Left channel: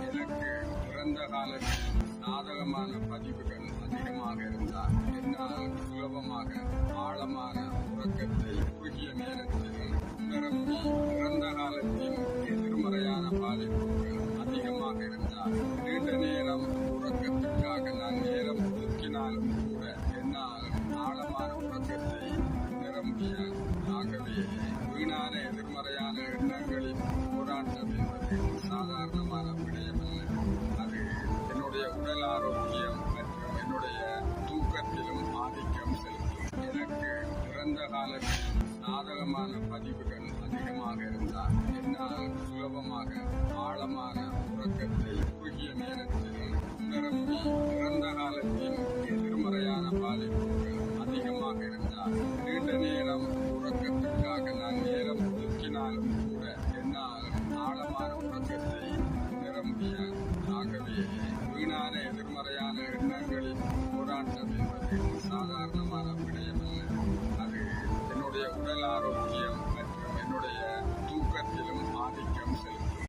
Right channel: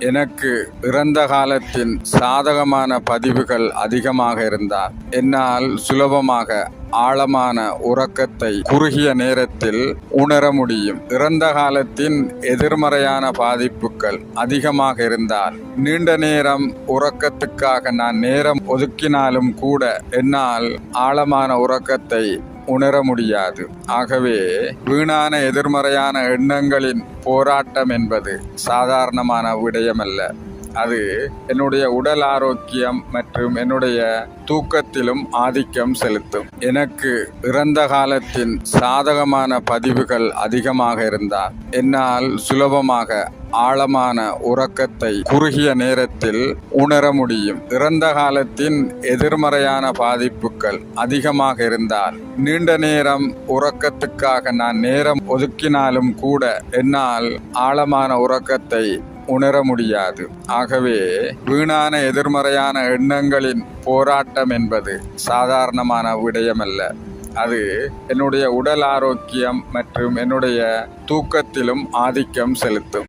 எனக்கு இறந்த காலத்தின் சாதகமான பதிவுகள் அதிகமாக இருந்தால் என்னால் சுலபமாக ஆழமான உறக்கத்தை குறுகிய நேரத்தில் உணர முடியும். இறந்த காலத்தின் எதிர்மறையான பாதிப்புகள் அதிகமாக இருந்தால் நீண்ட நேரம் உறக்கத்துக்காக நான் நேரம் ஒதுக்கினாலும் கூட என்னால் ஆழமான உறக்கத்தை உணர முடியாது. ஆகவே வீணான எதிர்மறையான எண்ணங்களின் போராட்டம் என்பது சாதாரணமான விடயமல்ல. அது என்னுடைய உடல் ஆரோக்கியம் மற்றும் என்னுடைய தூக்கத்திலும் ஆதிக்கம் செலுத்தும். எனக்கு இறந்த காலத்தின் சாதகமான பதிவுகள் அதிகமாக இருந்தால் என்னால் சுலபமாக ஆழமான உறக்கத்தை குறுகிய நேரத்தில் உணர முடியும். இறந்த காலத்தின் எதிர்மறையான பாதிப்புகள் அதிகமாக இருந்தால் நீண்ட நேரம் உறக்கத்துக்காக நான் நேரம் ஒதுக்கினாலும் கூட என்னால் ஆழமான உறக்கத்தை உணர முடியாது. ஆகவே வீணான எதிர்மறையான எண்ணங்களின் போராட்டம் என்பது சாதாரணமான விடயமல்ல. அது என்னுடைய உடல் ஆரோக்கியம் மற்றும் என்னுடைய தூக்கத்திலும் ஆதிக்கம் செலுத்தும்.